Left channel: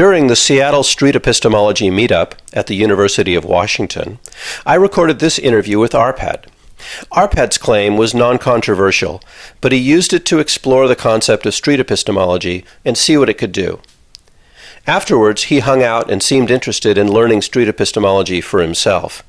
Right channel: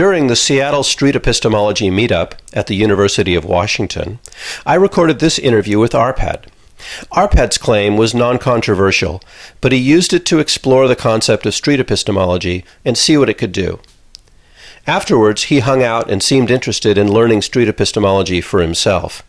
During the Seattle Street Epistemology meetup at the University of Washington, I recorded this interview with Arpad. Arpad's claim was non-controversial, but he used it to explore the concept of street epistemology and see what it could do. Afterwards, he hung out and seemed interested in learning street epistemology for himself.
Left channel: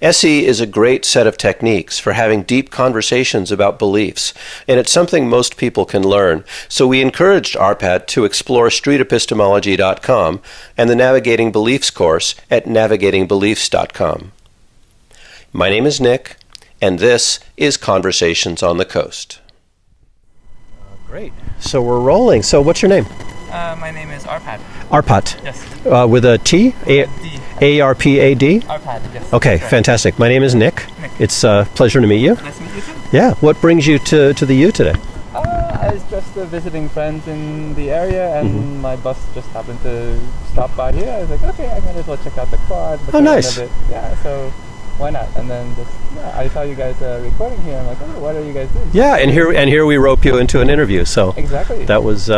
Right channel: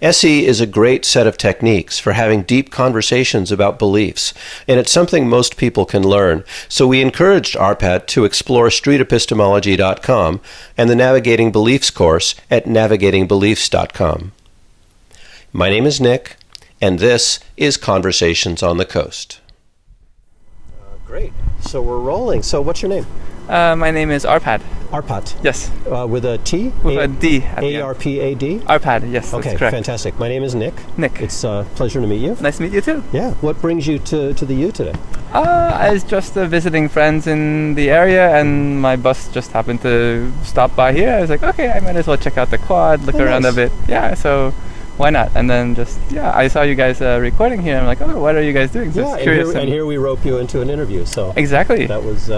SE is a great set of techniques for having deep conversations about beliefs, and it's something most people can learn, so we encouraged Arpad to explore streetepistemology.com and the Navigating Beliefs course at navigatingbeliefs.com. My name is Nick, and this is Conversations on the Coast. Great. So we're rolling. So what's your name? My name is Arpad. Arpad? Yes. With a T? With a D. A-R-P-A-D? Arpad, yes. Okay, fantastic. My name is Nick. Nick. It's a pleasure to meet you. Nice to meet you too. Yeah. What brings you to the U today? I was just visiting friends in the area, and my bus just happened to stop by here. I was like, okay, I might as well check out the quad, look around nice. a bit. Yeah, so why not? And then I saw you guys recording here. I'm like, oh, what are you guys doing? Yeah, and here we rope you into an interview. So exactly. That was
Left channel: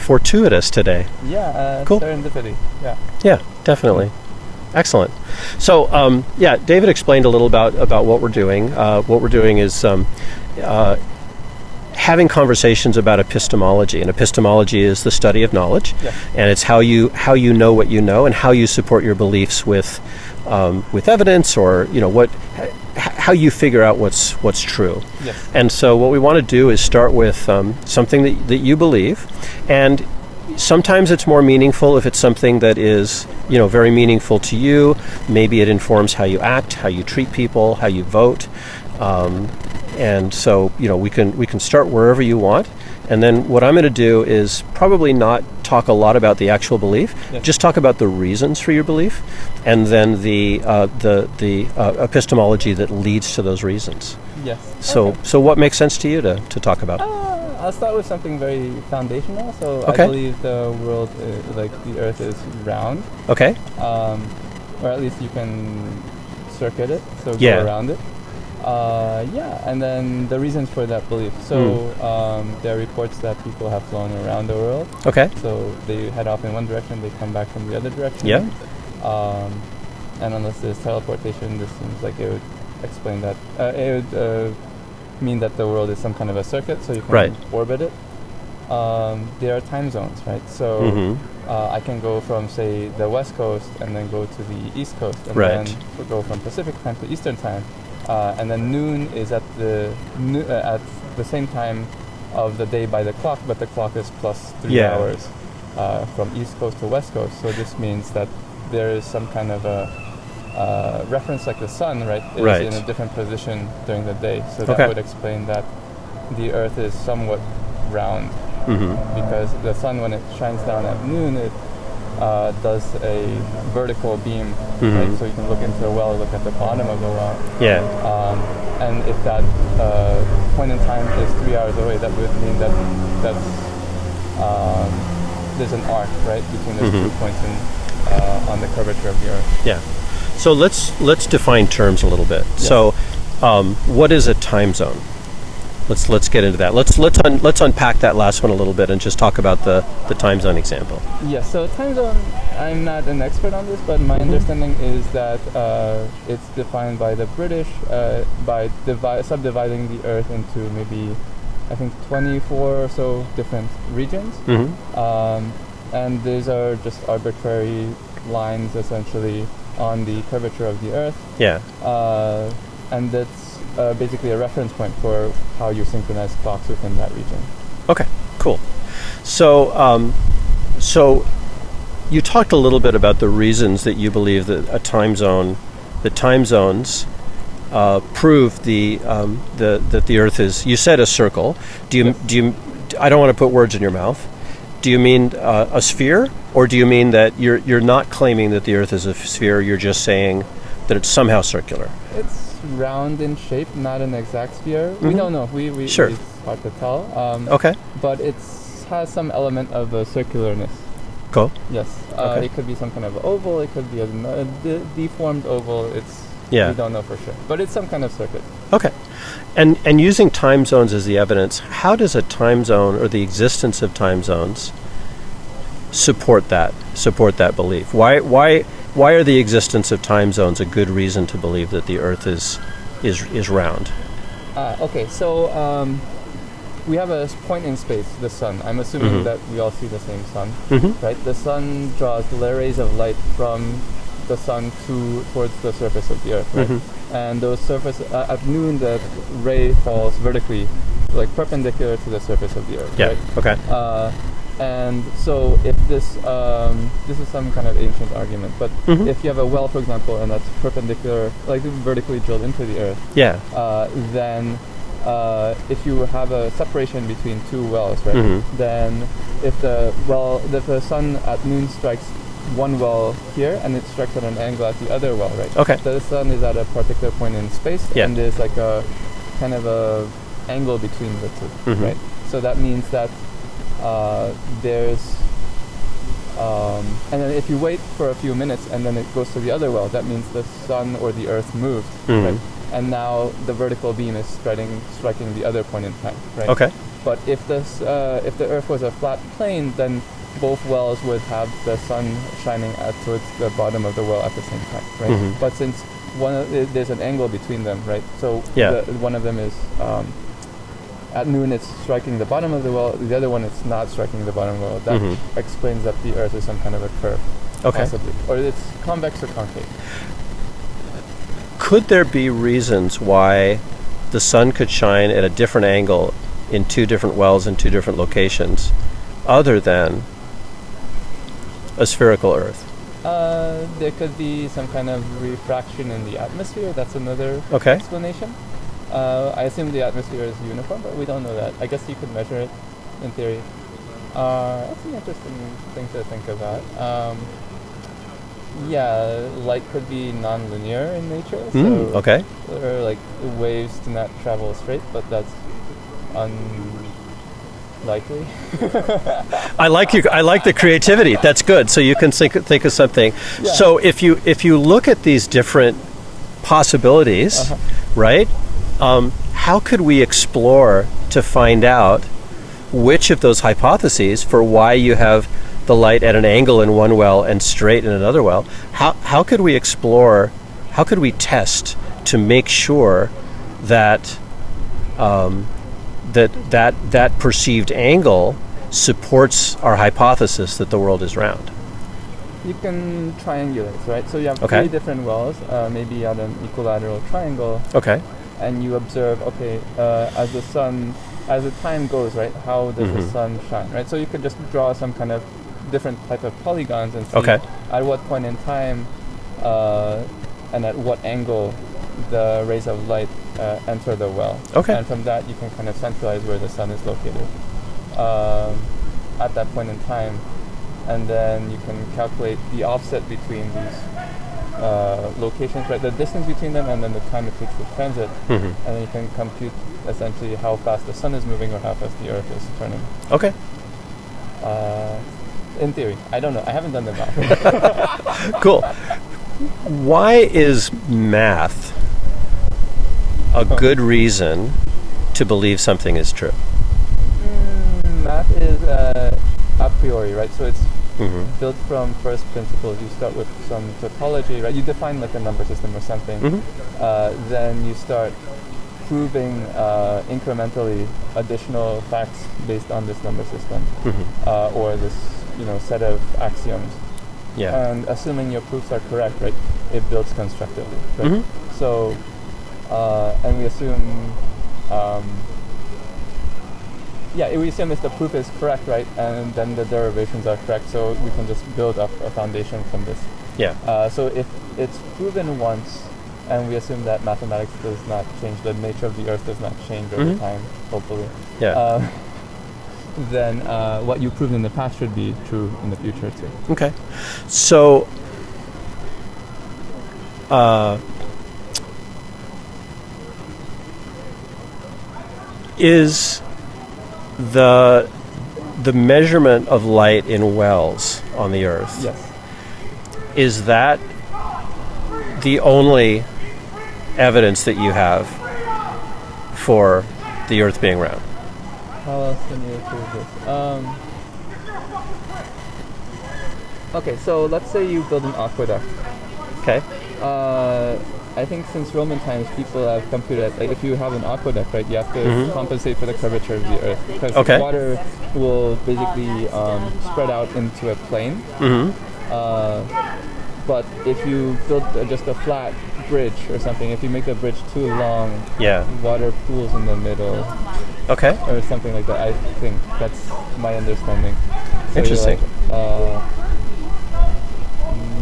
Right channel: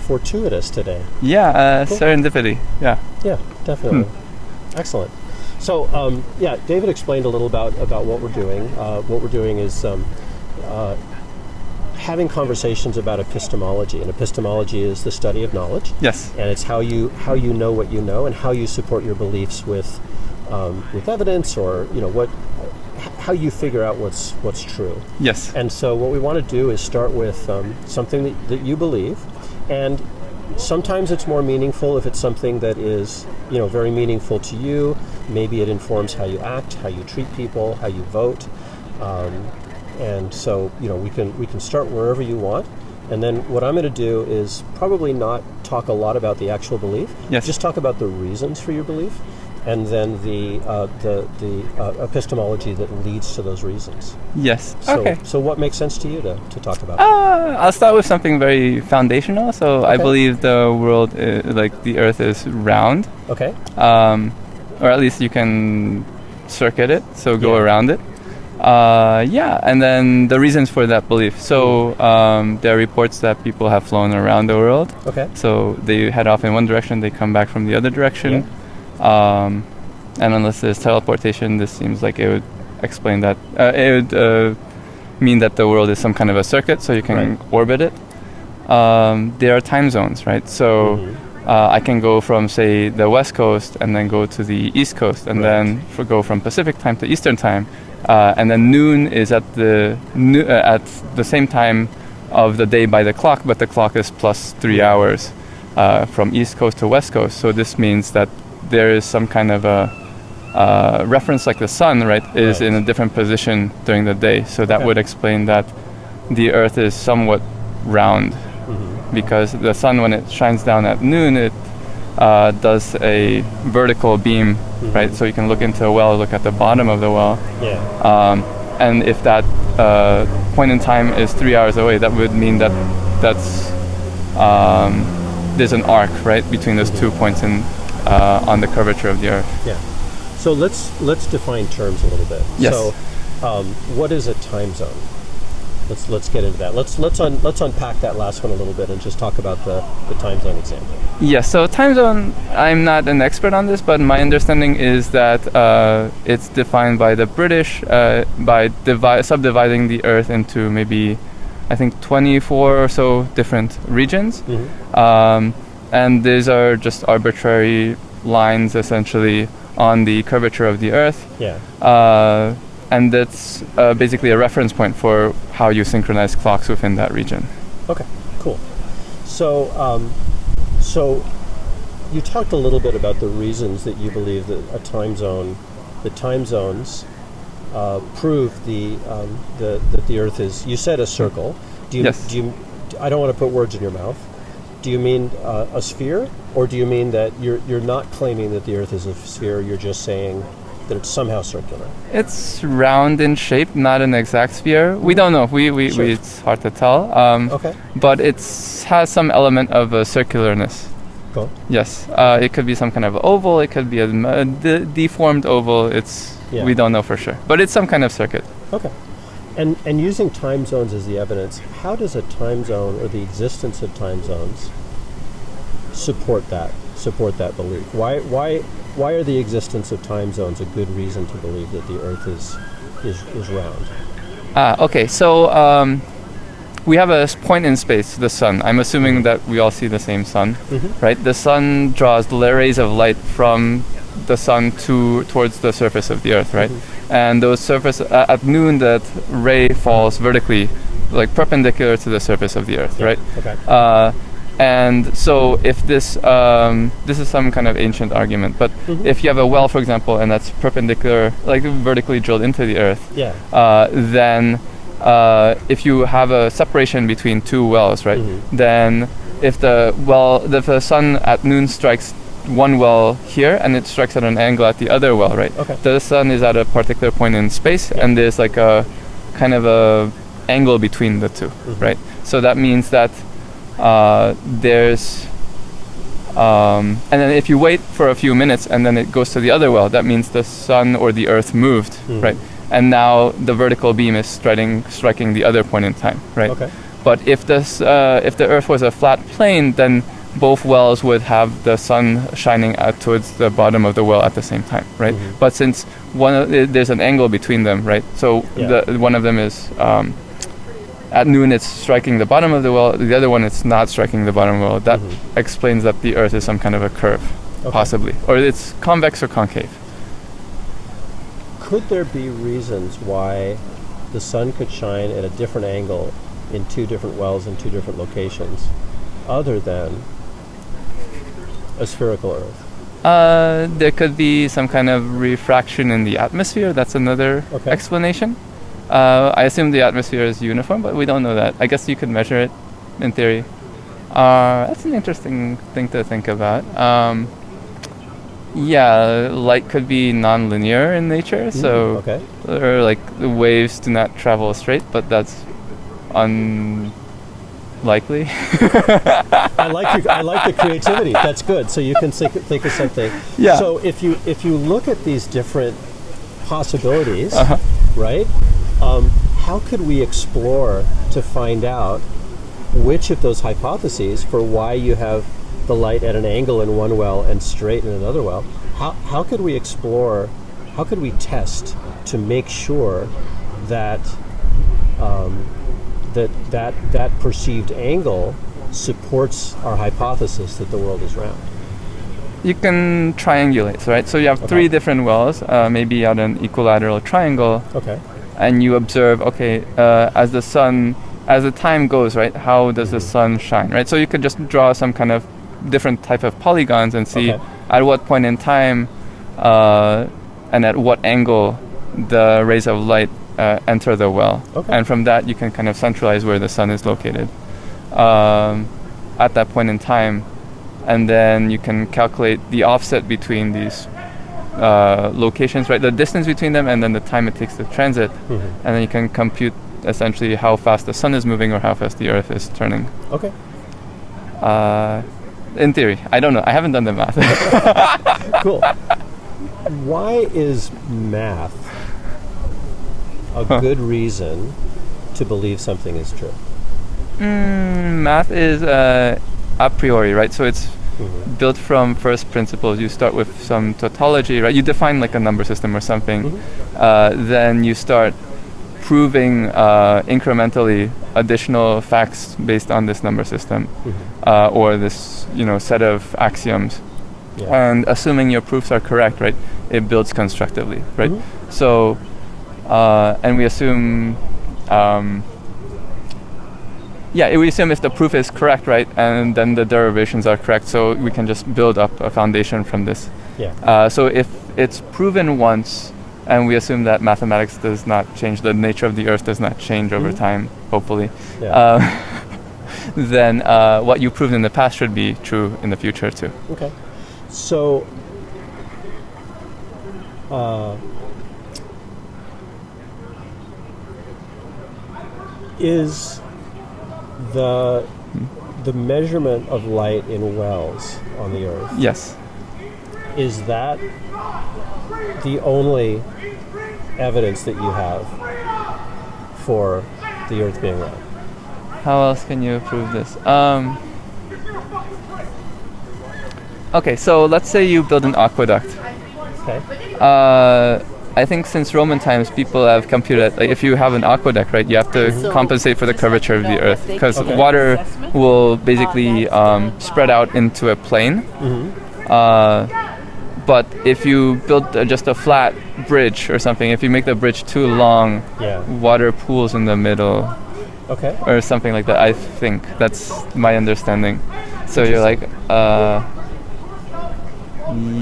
fortuitous today. Yeah, cool. Serendipity. Yeah. Yeah, definitely. Excellent. So David explained a little about what we're doing. What we're doing is having conversations about epistemology, and epistemology is the study of knowledge. Yes. And it's how you know what you know and how you support your beliefs with evidence, or how you figure out what's true. Yes. And so what we want to do is start with something that you believe, and sometimes it's more meaningful if it's something that is very meaningful to you. Maybe it informs how you act, how you treat people, how you vote. And so, we can start wherever you want. And then what I'm going to do is probably not talk a lot about the actual belief. Yes. Just talk about the reasons for your belief, and then the epistemology that leads to those reasons. Yes. So, okay. So what makes sense to you to talk about? I'll start with something very foundational. So Okay. I believe the world, the Earth, is round. Okay. Or at least you can circuit it, so go Yeah. around it. And then the reasons for that belief. So there are reports that people have flown around the world. Okay. So they head off in one direction, they come back from the other direction. Yeah. And unless there's teleportation, this seems like it would explain that. It would mean that the world is some kind of a circuit, so you can Right. orbit it. There are time zones, right? So I can go from, say, the West Coast and then go to the East Coast, and Right. then go from Pacific time to Eastern time. And then noon is at the same time of the day by the clock, but the clock is plus 3 hours from East Coast to West Coast. So this means that there is some kind of a reference, like the sun, right, is in a different position during the day. So that would explain that the Earth is somewhat round, because the sun, when it shines down at noon, it does a vertical beam, right? So you can look into a well, look at the bottom of the well. Yeah. And if that point in time is 3 hours away, that would mean that there's an arc, right, between those 2 points on the curvature of the Earth. Yeah. So let's define terms a little bit. Yes. So, what is a time zone? Let's get into that. Let's unpack that last one a little bit and just talk about the time zone example. Yes. So time zone, I'm not an expert on this, but my understanding is that it's defined by the British by subdividing the Earth into maybe, I think, 24 or so different regions. And these are just arbitrary lines, essentially, on the curvature of the Earth. Yeah. And that's basically a reference point for how you synchronize clocks within that region. Okay, cool. So, so you talked a little bit about the reasons that you believe that the time zones prove that the Earth is. You said a circle. Yes. Do you? I don't want to put words in your mouth. Do you mean a sphere, or do you mean that you're not claiming that the Earth is a sphere? You're just saying that it's somehow circular. It's round in shape, not an exact sphere. We don't know. Sure. It's hard to tell. Okay. But it has some element of a circularness. Cool. Yes. It could be some kind of oval. It could be a deformed oval. We don't know for sure. But it's some kind of circuit. Okay. And using time zones as the evidence, how does a time zone or the existence of time zones support that belief? Why are the existence of time zones a good reason to believe that the Earth is round? Okay, so we have a point in space, the sun. I'm assuming that we all see the same sun, right? The sun draws rays of light from the sun towards the surface of the Earth, right? And those at noon, that ray falls vertically, like perpendicular to the surface of the Earth, right? Okay. And so if this is some kind of ancient argument, but if you have a well, for example, and that's perpendicular, like vertically drilled into the Earth, then if you have a separation between two wells, right? Then if the sun at noon strikes one well here and it strikes at an angle at the other well, right? Okay. The sun is at a particular point in space, and there's like a kind of a angle between the two, right? So that means that there's and then if you wait for a few minutes and then it goes to the other well, that means the sun or the Earth moved, right? And now the vertical beam is striking the other point in time, right? Okay. But if the Earth was a flat plane, then both wells would have the sun shining towards the bottom of the well at the same time, right? But since there's an angle between them, right? So one of them is at noon it's striking the bottom of the well, the other one it's not striking the bottom of the well. That explains that the Earth is some kind of a curve, possibly. Or it's convex or concave. Could there be reasons why the sun could shine at a different angle in two different wells in two different locations other than a spherical Earth? There could be some kind of refraction in the atmosphere. That's another explanation. I assume the atmosphere is uniform, but we don't know that. I guess you could measure it in theory. That's an interesting thing to think about. Light could be non-linear in nature, so or like the waves do not travel straight, but that's unlikely. I like the creativity. That's good. So you can think of something. Yeah. So if you look at these different possibilities, right? How could we explore to find out which of those hypotheses for why you have the light at an angle in one well and straight in another well? How could we explore? How could we test to make sure that that perceived angle supports our hypothesis that the world is round? You can triangulate, right? So you have three different wells, maybe at an equilateral triangle. Okay. And you observe, as the time goes, right, how does the sun shine, right? So you could just draw some kind of different type of polygons and see at what point in time and at what angle the rays of light enter the well. Okay. And from that, you can kind of centralize where the sun is located at that point in time. And then you can calculate the offset between these locations, right? The distance between them and then the time it takes to transit. And then you can compute essentially how fast the sun is moving or how fast the Earth is turning. Okay. In theory. I don't know. I haven't done the math. Cool. Why is math a good reason to believe something is true? Math is a priori, right? So it's built from first principles. You start with some tautology, right? You define like a number system or something. Then you start proving incrementally additional facts based on this number system or this set of axioms. And assuming your proofs are correct, right, it builds constructively, right? So and we assume we assume if the proof is correct, right, and then the derivations are correct, so we can just build up a foundation from this. So if it's proven once, and we assume that mathematics does not change, the nature of the Earth does not change over time, hopefully, then what you proved in the past should be true in the future too. Okay. So is the measurement of light in wells on the Earth, is that the only evidence that you have for the Earth being round? How else can you prove this? Okay, so let's say you build an aqueduct. Okay. I think since Roman times, people have computed, like, if you have an aqueduct, right, you have to compensate for the curvature of the earth, because water will basically spread out into a plane. But if you build just a flat bridge or something, if you make the bridge too long, water pools in the middle. Okay. Or something like that. I think that's my understanding. So you're like,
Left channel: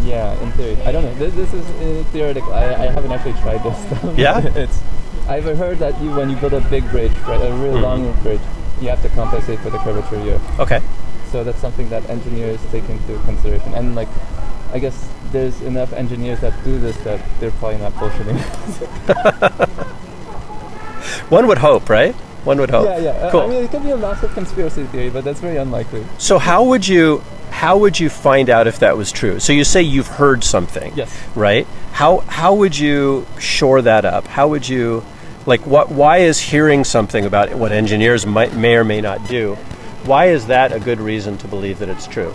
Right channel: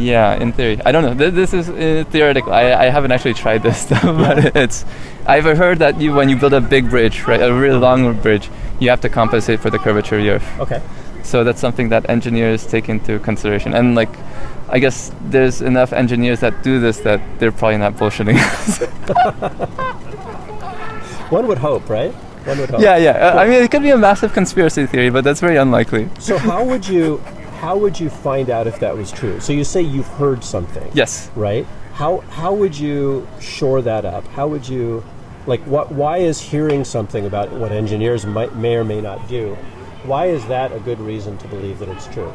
yeah, in theory. I don't know. This is theoretical. I haven't actually tried this stuff. But I've heard that when you build a big bridge, right, a really long bridge, you have to compensate for the curvature of the earth. Okay. So that's something that engineers take into consideration. And like, I guess there's enough engineers that do this that they're probably not bullshitting. One would hope, right? One would hope. Yeah. Cool. I mean, it could be a massive conspiracy theory, but that's very unlikely. So how would you find out if that was true? So you say you've heard something. Yes. Right? How would you shore that up? How would you, like, why is hearing something about what engineers may or may not do, why is that a good reason to believe that it's true?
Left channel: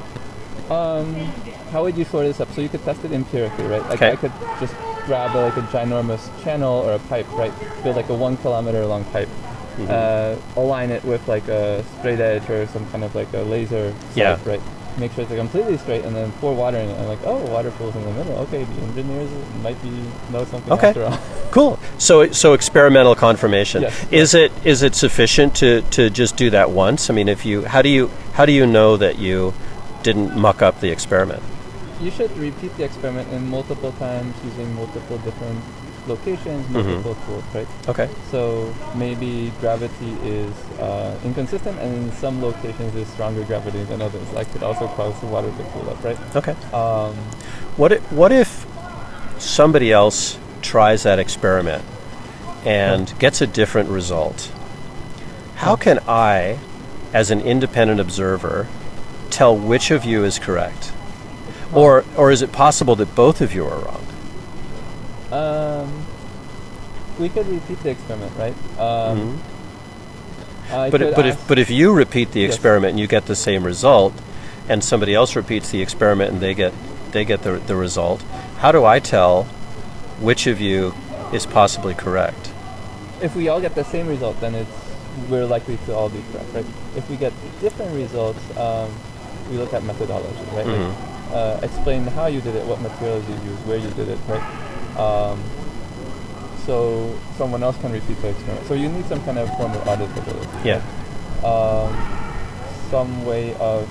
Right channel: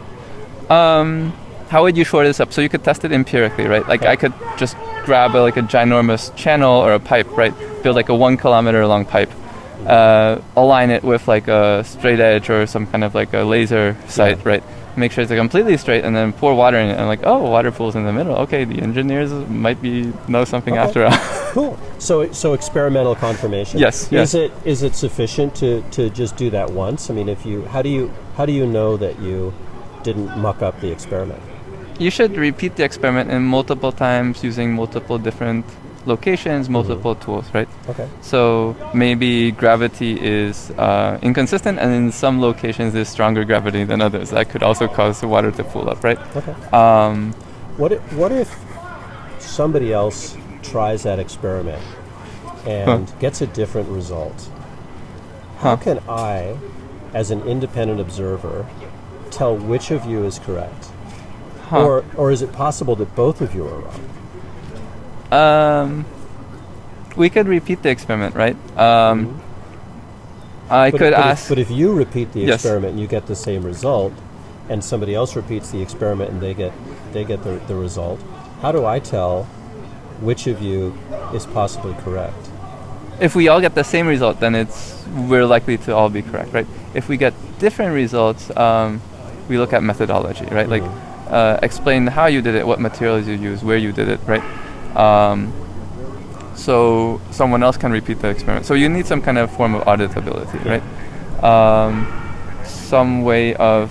How would you shore this up? So you could test it empirically, right? Like I could just grab a ginormous channel or a pipe, right? Build like a 1 kilometer long pipe. Align it with like a straight edge or some kind of like a laser sight, right? Make sure it's completely straight, and then pour water in it, and like, water pools in the middle. Okay, the engineers might know something after all. Cool. So experimental confirmation. Yes. Is it sufficient to just do that once? I mean, how do you know that you didn't muck up the experiment? You should repeat the experiment in multiple times using multiple different locations, multiple tools, right? Okay. So maybe gravity is inconsistent, and in some locations there's stronger gravity than others. That could also cause the water to pool up, right? Okay. What if somebody else tries that experiment and gets a different result? How can I, as an independent observer, tell which of you is correct? Or is it possible that both of you are wrong? We could repeat the experiment, right? But if you repeat the experiment and you get the same result, and somebody else repeats the experiment and they get the result, how do I tell which of you is possibly correct? If we all get the same result, then we're likely to all be correct, right? If we get different results, we look at methodology, right? Like explain how you did it, what materials you used, where you did it, right? So someone else can repeat the experiment. So you need some kind of form of auditability, right? Some way of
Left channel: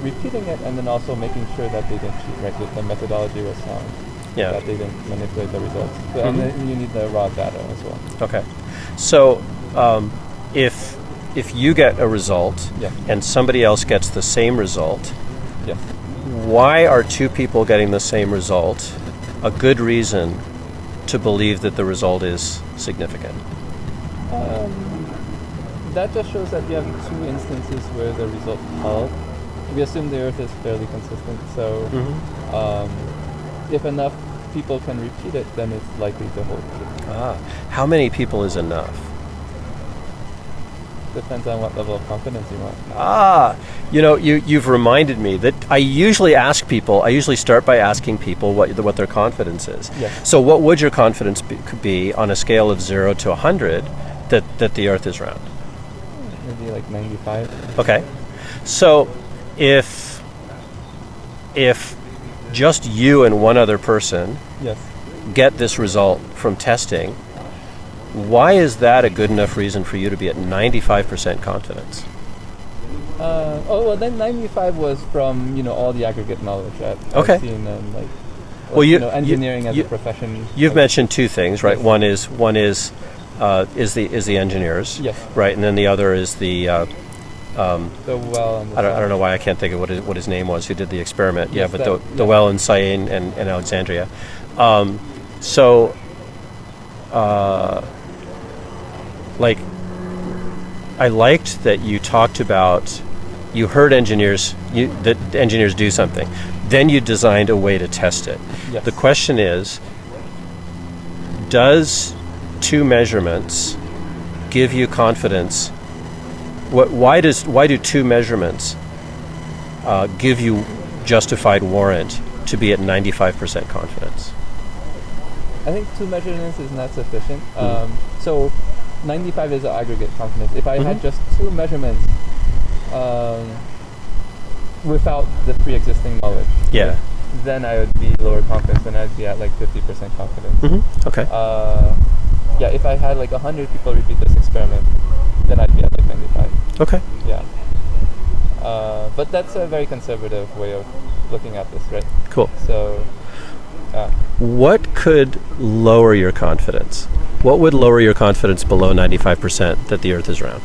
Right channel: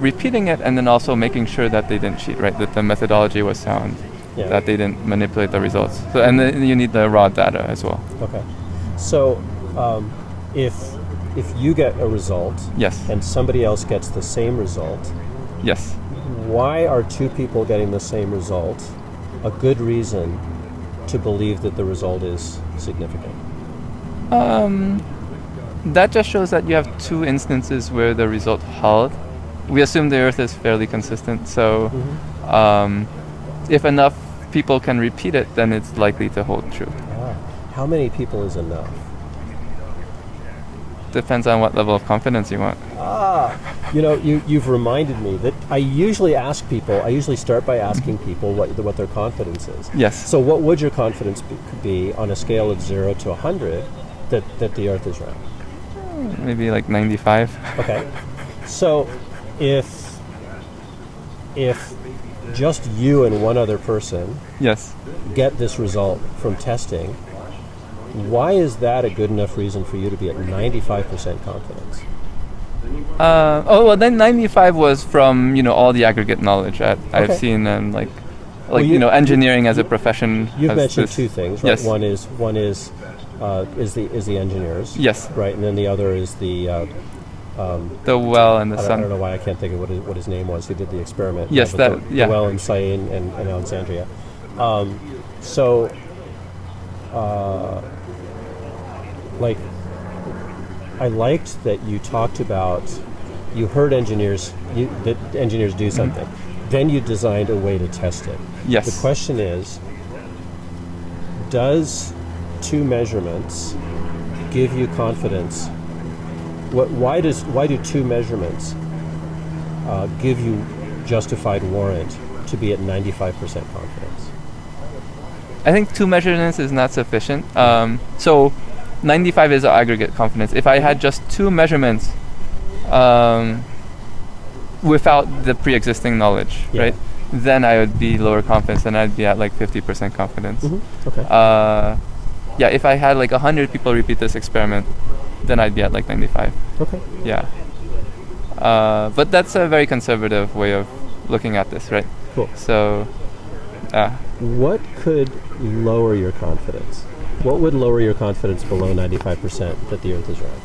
repeating it, and then also making sure that they didn't cheat, right? That the methodology was sound, that they didn't manipulate the results. So, and then you need the raw data as well. Okay. So if you get a result, and somebody else gets the same result, why are two people getting the same result a good reason to believe that the result is significant? That just shows that you have two instances where the result held. We assume the Earth is fairly consistent, so if enough people can repeat it, then it's likely to hold true. How many people is enough? Depends on what level of confidence you want. You've reminded me that I usually start by asking people what their confidence is. Yes. So what would your confidence be on a scale of 0 to 100 that the Earth is round? Maybe like 95. Okay. So if just you and one other person get this result from testing, why is that a good enough reason for you to be at 95% confidence? Then 95 was from all the aggregate knowledge I've seen, and engineering as a profession. You've mentioned two things, right? Yes. One is the engineers. Yes. Right, and then the other is the well and the sun. I don't know why I can't think of what his name was who did the experiment. Yes, the well in Syene and Alexandria. I liked that you talked about, you heard that engineers do something. Then you designed a way to test it. Yes. The question is, does two measurements give you confidence? Why do two measurements give you justified warrant to be at 95% confidence? I think 2 measurements is not sufficient. So 95 is aggregate confidence. If I had just 2 measurements without the pre-existing knowledge, right, then I would be lower confidence, then I'd be at like 50% confidence. Okay. If I had like 100 people repeat this experiment, then I'd be at like 95. Okay. Yeah. But that's a very conservative way of looking at this, right? Cool. So, what could lower your confidence? What would lower your confidence below 95% that the Earth is round?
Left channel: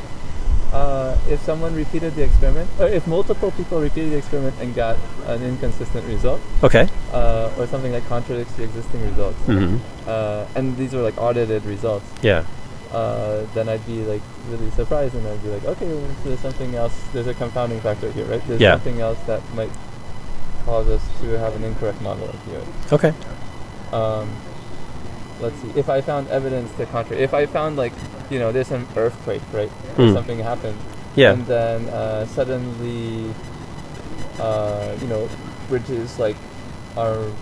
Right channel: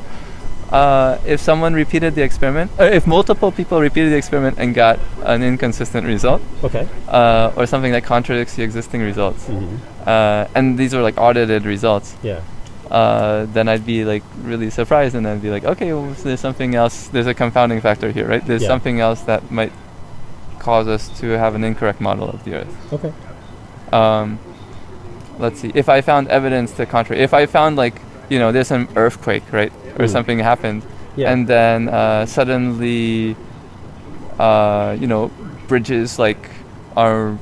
If someone repeated the experiment, or if multiple people repeated the experiment and got an inconsistent result, Okay. Or something that contradicts the existing results, and these are like audited results, Yeah. then I'd be like really surprised, and I'd be like, okay, well, so there's something else. There's a confounding factor here, right? There's something else that might cause us to have an incorrect model of the Earth. Okay. Let's see. If I found evidence to contrary, if I found like, there's an earthquake, right, or something happened, and then suddenly, bridges like are,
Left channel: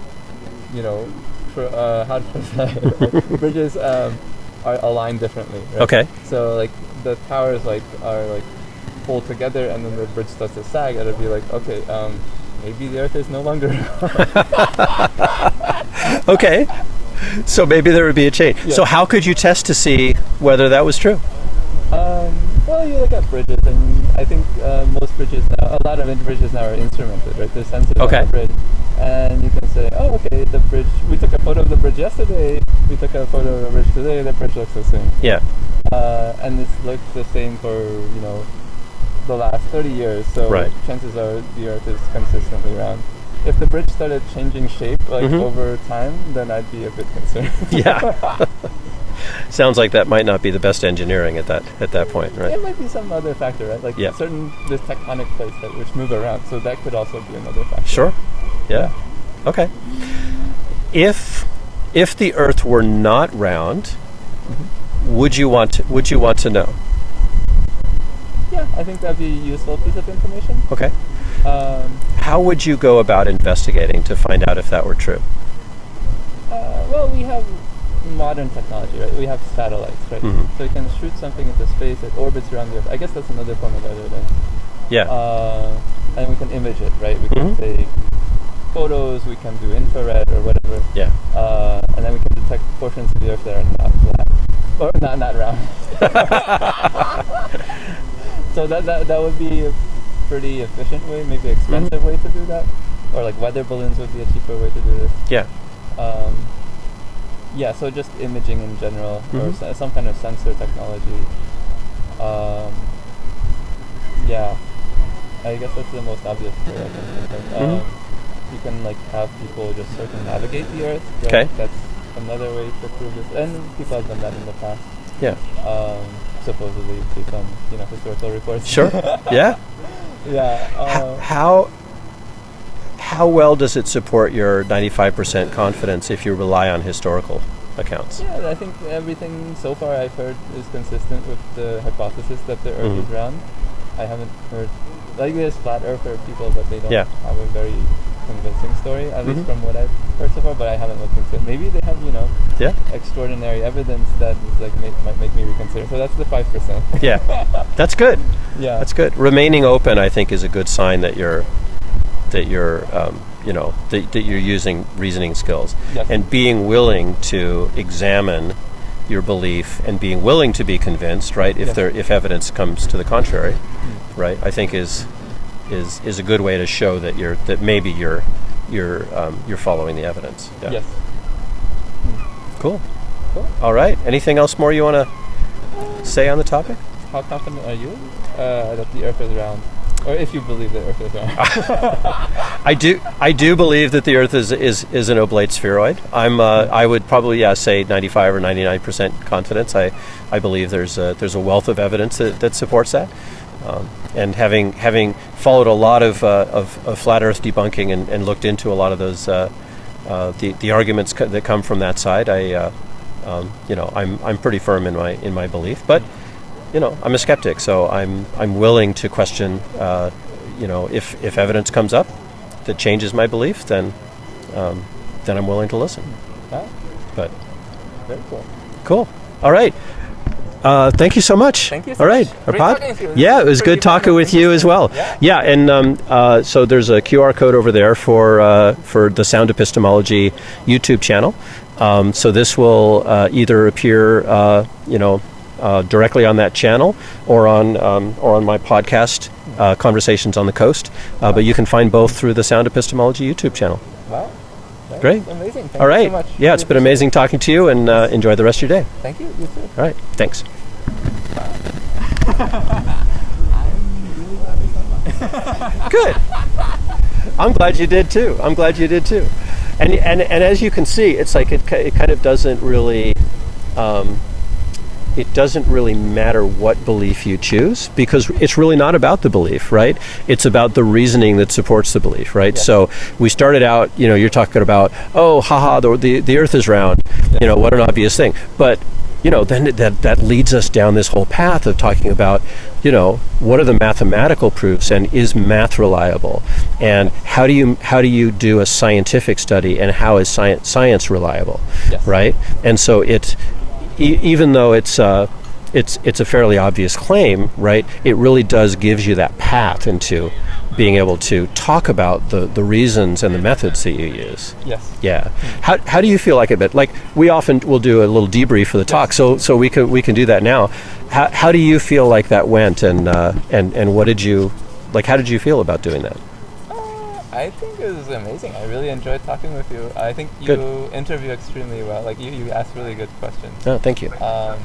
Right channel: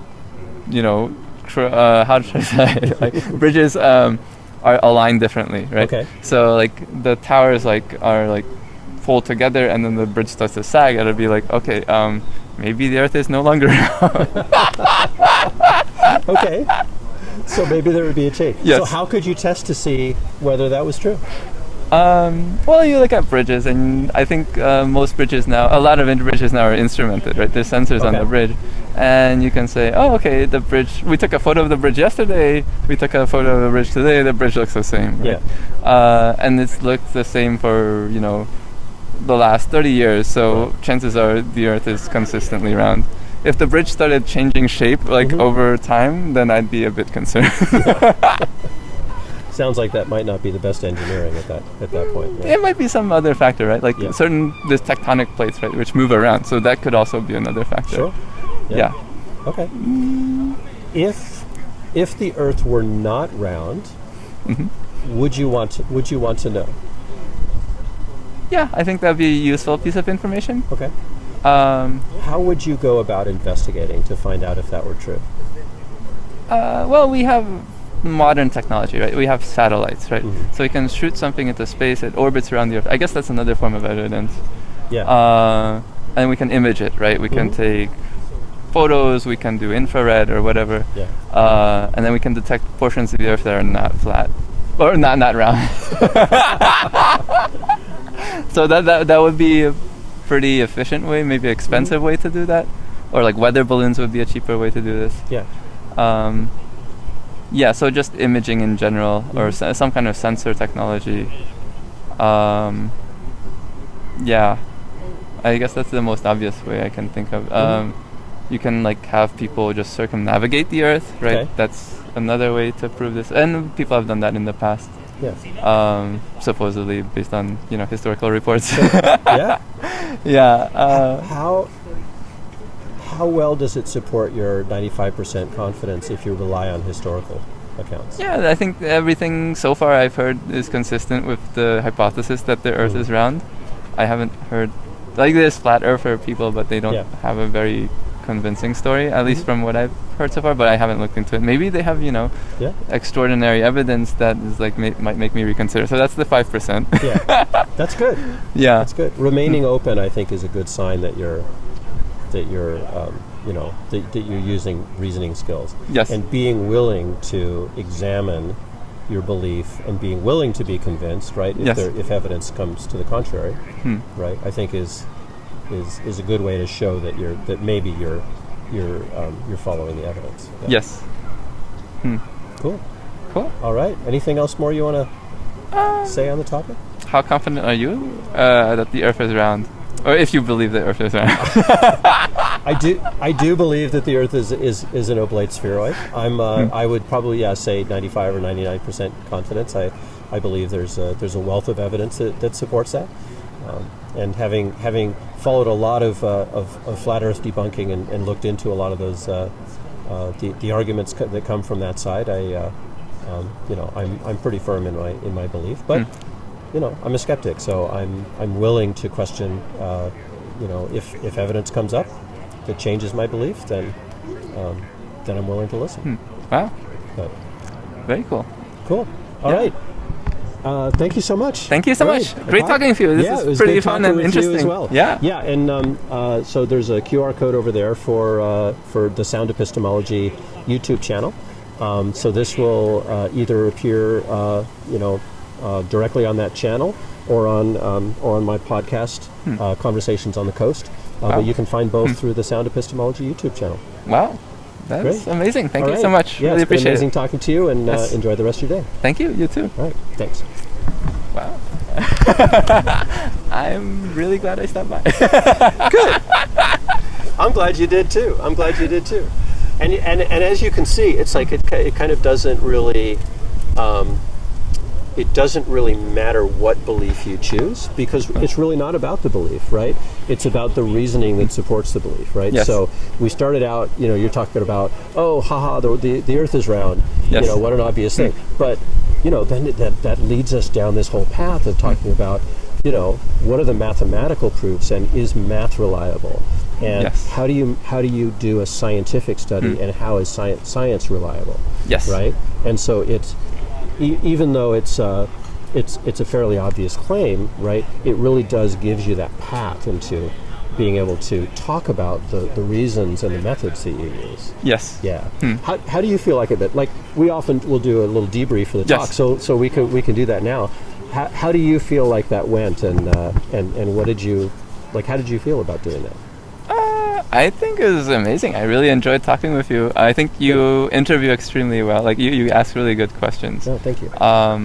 how should I say it? Like, bridges are aligned differently, right? Okay. So like the towers are fold together, and then the bridge starts to sag. It'll be like, okay, maybe the Earth is no longer round. Okay. So maybe there would be a change. Yes. So how could you test to see whether that was true? Well, you look at bridges, and I think most bridges now, a lot of bridges now are instrumented, right? There's sensors on the bridge, and you can say, oh, okay, the bridge, we took a photo of the bridge yesterday, we took a photo of the bridge today, the bridge looks the same. Yeah. And it's looked the same for, the last 30 years, so chances are the Earth is consistently round. If the bridge started changing shape over time, then I'd be a bit concerned. Yeah. Sounds like that might not be the best engineering at that point, right? It might be some other factor, right? Like there's tectonic plates, right, which move around, so that could also be another factor. Sure. Yeah. Okay. If the Earth were not round, would you want to know? Yeah, I think that'd be a useful piece of information. Okay. How would you go about investigating to find out if that were true? Well, we have modern technology, right? We have satellites, right? So we can shoot something into space, it orbits around the Earth. I guess that's another form of evidence. Yeah. And we can image it, right? We can take photos, we can do infrared or whatever. Yeah. And then we can detect portions of the Earth that are not flat. Or not round. So that would be a pretty efficient way, maybe expensive way to do that. Or like weather balloons would be a cheaper way to do this. Yeah. So just imaging in general, or some kind of sensor technology. I guess that's the most obvious way I can think of. You can have people just circumnavigate the Earth, right? Okay. That's another way to prove this, and people have done that in the past. Yeah. Supposedly based on historical reports. Sure. Yeah. Yeah. How well does it support your 95% confidence if you rely on historical accounts? Yeah, I think everything so far I've heard is consistent with the hypothesis that the Earth is round. I haven't heard there's flat earther people, but they don't have a very convincing story, at least from what I've heard so far, but I haven't looked into it. Maybe they have, extraordinary evidence that is might make me reconsider. So that's the 5%. Yeah. That's good. Yeah. That's good. Remaining open, I think, is a good sign that you're using reasoning skills. Yes. And being willing to examine your belief and being willing to be convinced, right? If evidence comes to the contrary, right? I think is a good way to show that you're following the evidence. Yeah. Yes. Cool. All right. Anything else more you want to say on the topic? How confident are you that the Earth is round? Or if you believe the Earth is round? I do believe that the Earth is an oblate spheroid. I would probably say 95 or 99% confidence. I believe there's a wealth of evidence that supports that. And having followed a lot of flat Earth debunking and looked into a lot of those the arguments that come from that side, I'm pretty firm in my belief. But I'm a skeptic, so I'm willing to question. If evidence comes up that changes my belief, then I'm willing to listen. Wow. But very cool. Cool. All right. Thank you so much. Thank you so All much. right. Great Arpad? talking to you. It was good talking with you as well. Yeah. And so there's a QR code over there for the Sound Epistemology YouTube channel. So this will either appear, directly on that channel or on my podcast, Conversations on the Coast. But you can find both through the Sound Epistemology YouTube channel. Wow. That's great. Amazing. Thank you so much. Yeah, really it's been amazing talking to you, and enjoy the rest of your day. Thank you. You too. All right. Thanks. Wow. I'm really glad I stopped by. Good. I'm glad you did too. And as you can see, it's like it kind of doesn't really matter what belief you choose, because it's really not about the belief, right? It's about the reasoning that supports the belief, right? Yes. So we started out, you're talking about, the Earth is round. Yes. What an obvious thing. But then that leads us down this whole path of talking about, what are the mathematical proofs, and is math reliable, and yes. how do you do a scientific study, and how is science reliable? Yes. Right? And so it's even though it's a fairly obvious claim, right? It really gives you that path into being able to talk about the reasons and the methods that you use. Yes. Yeah. How do you feel like it? But like we often will do a little debrief for the talk, so we can do that now. How do you feel like that went, and what did you like? How did you feel about doing that? I think it was amazing. I really enjoyed talking with you. I think you interview extremely well. Like you ask really good questions. Oh, thank you. I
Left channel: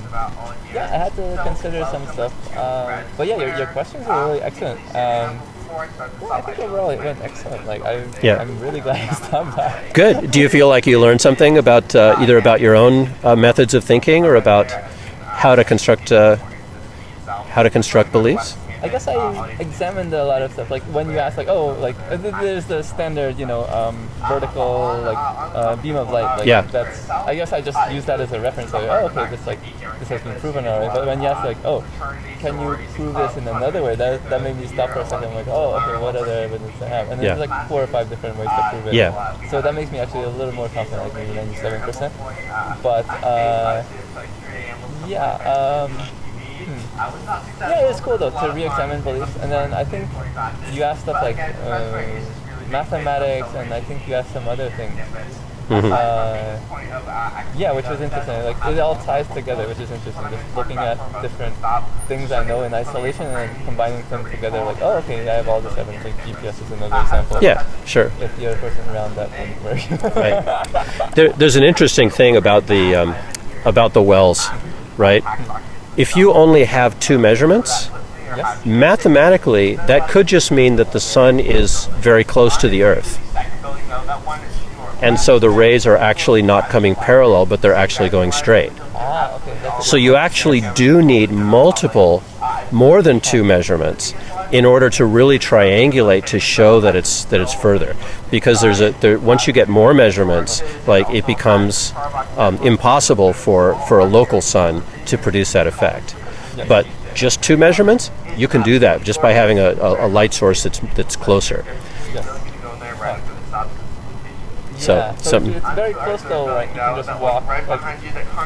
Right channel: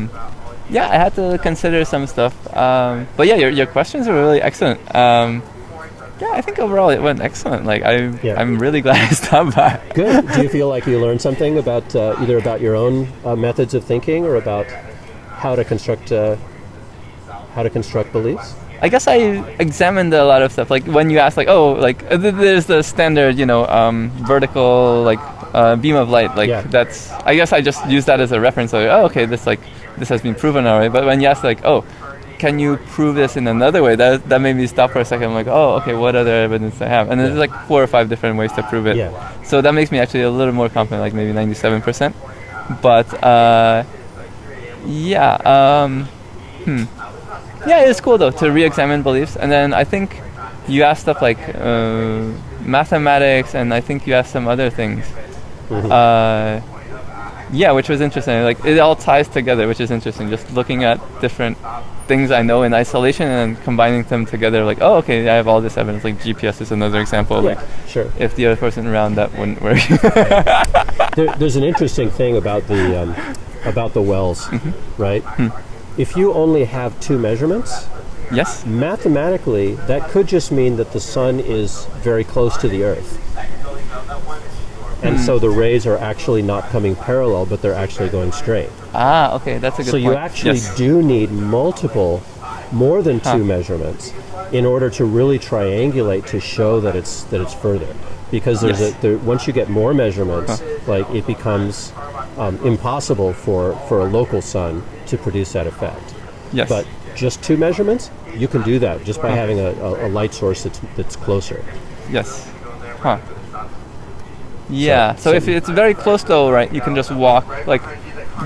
had to consider some stuff. But yeah, your questions are really excellent. I think overall it went excellent. Like I'm really glad I stopped by. Good. Do you feel like you learned something about either about your own methods of thinking, or about how to construct beliefs? I guess I examined a lot of stuff. Like when you ask, there's the standard, vertical beam of light. That's. I guess I just use that as a reference. Like, this has been proven already. But when you ask, can you prove this in another way? That made me stop for a second. I'm like, what other evidence do I have? And there's 4 or 5 different ways to prove it. Yeah. So that makes me actually a little more confident, like maybe 97%. But it was cool though to re-examine beliefs. And then I think you asked stuff like mathematics, and I think you asked some other things. Which was interesting. Like it all ties together, which is interesting. Just looking at different things I know in isolation and then combining them together. Like, I have all this evidence. Like GPS is another example. Yeah, sure. If the other person around, that wouldn't work. Right. There's an interesting thing about the wells, right? If you only have 2 measurements, yes, mathematically that could just mean that the sun is very close to the Earth. And so the rays are actually not coming parallel, but they're actually going straight. Okay, that's a good So you actually do need more than 2 measurements in order to really triangulate to show that it's further. Because once you get more measurements, it becomes impossible for a local sun to produce that effect. Yes. But just 2 measurements, you can do that just by having a light source that's closer. Yes. Huh. Yeah. So if it's very close though, right, you can just walk,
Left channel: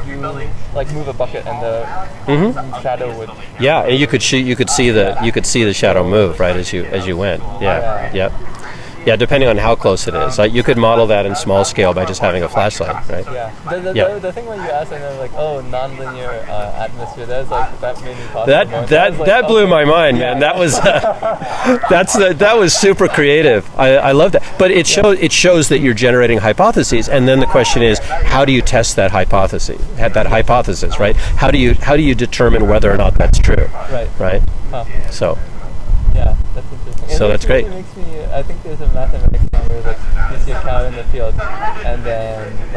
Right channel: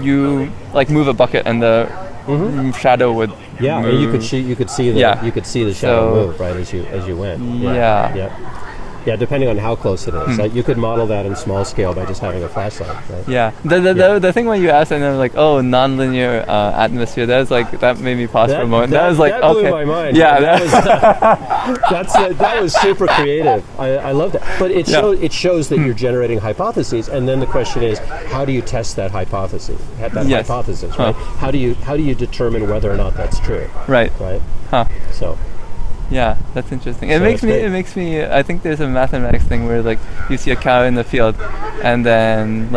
move a bucket and the shadow would. Yeah, move. And you could see the shadow move right as you went. Yeah. Yep. Yeah, depending on how close it is. You could model that in small scale by just having a flashlight, right? Yeah. The thing when you asked, and then nonlinear atmosphere, that made me pause for a moment. That blew my mind. Yeah, that was super creative. I love that. But it shows that you're generating hypotheses, and then the question is, how do you test that hypothesis? Hypothesis, right? How do you determine whether or not that's true? Right. Right. Huh. So. Yeah, that's interesting. It makes me. I think there's a mathematics thing where you see a cow in the field, and then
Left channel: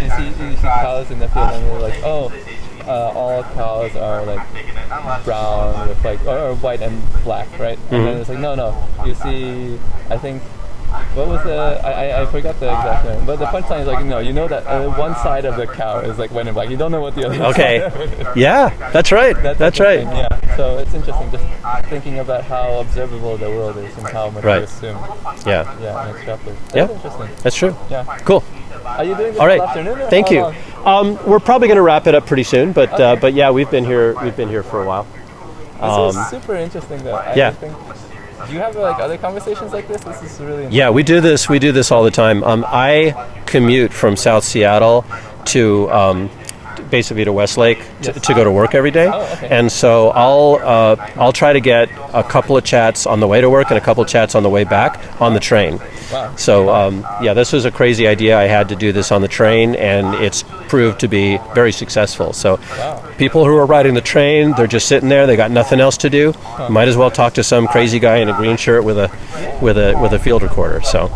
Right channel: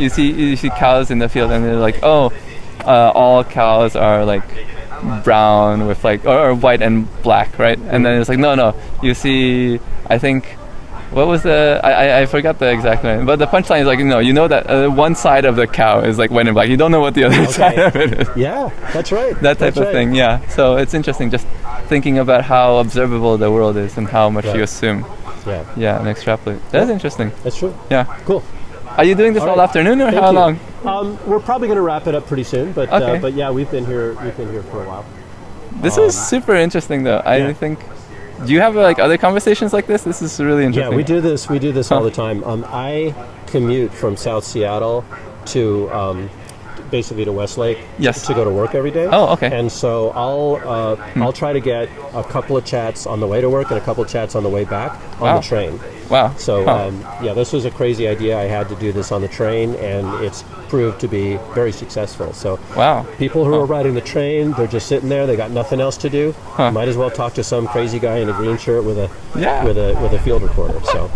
you see cows in the field, and they're all cows are brown with or white and black, right? And then it's no. You see, I think what was the? I forgot the exact name, but the punchline is like, you know that one side of the cow is like when in black. You don't know what the other side of it is. Yeah, that's right. That's right. Thing, yeah. So it's interesting just thinking about how observable the world is and how much you assume. Yeah. Yeah, and extrapolate. That's interesting. That's true. Yeah. Cool. Are you doing this all afternoon or Thank how you. long? We're probably going to wrap it up pretty soon, but yeah, we've been here for a while. This was super interesting, though. I think. Do you have like other conversations like this? This is really interesting. Yeah, we do this. We do this all the time. I commute from South Seattle to basically to Westlake to go to work every day. Oh, okay. And so I'll try to get a couple of chats on the way to work and a couple of chats on the way back on the train. Wow. So this was a crazy idea. I had to do this on the train, and it's proved to be very successful. So people who are riding the train, they're just sitting there. They got nothing else to do. Might as well talk to some crazy guy in a green shirt with a field recorder. So,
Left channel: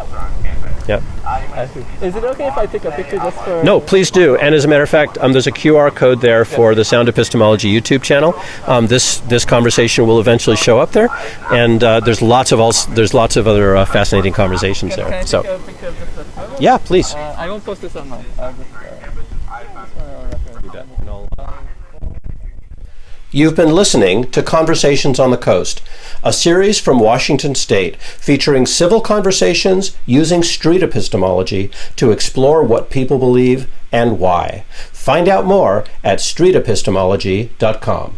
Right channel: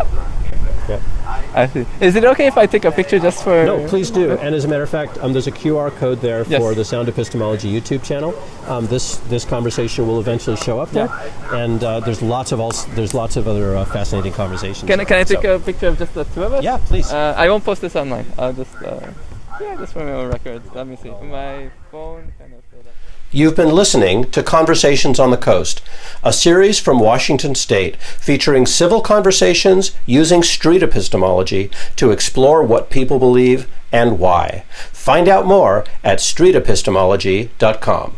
yeah. I see. Is it okay if I take a picture just for... No, please do. And as a matter of fact, there's a QR code there for the Sound Epistemology YouTube channel. This conversation will eventually show up there, and there's lots of other fascinating conversations. Can I take a picture of just the two of us? Yeah, please. I won't post this online. I'll just for my own record. Let me see. My phone. You've been listening to Conversations on the Coast, a series from Washington State featuring civil conversations using street epistemology to explore what people believe and why. Find out more at streetepistemology.com.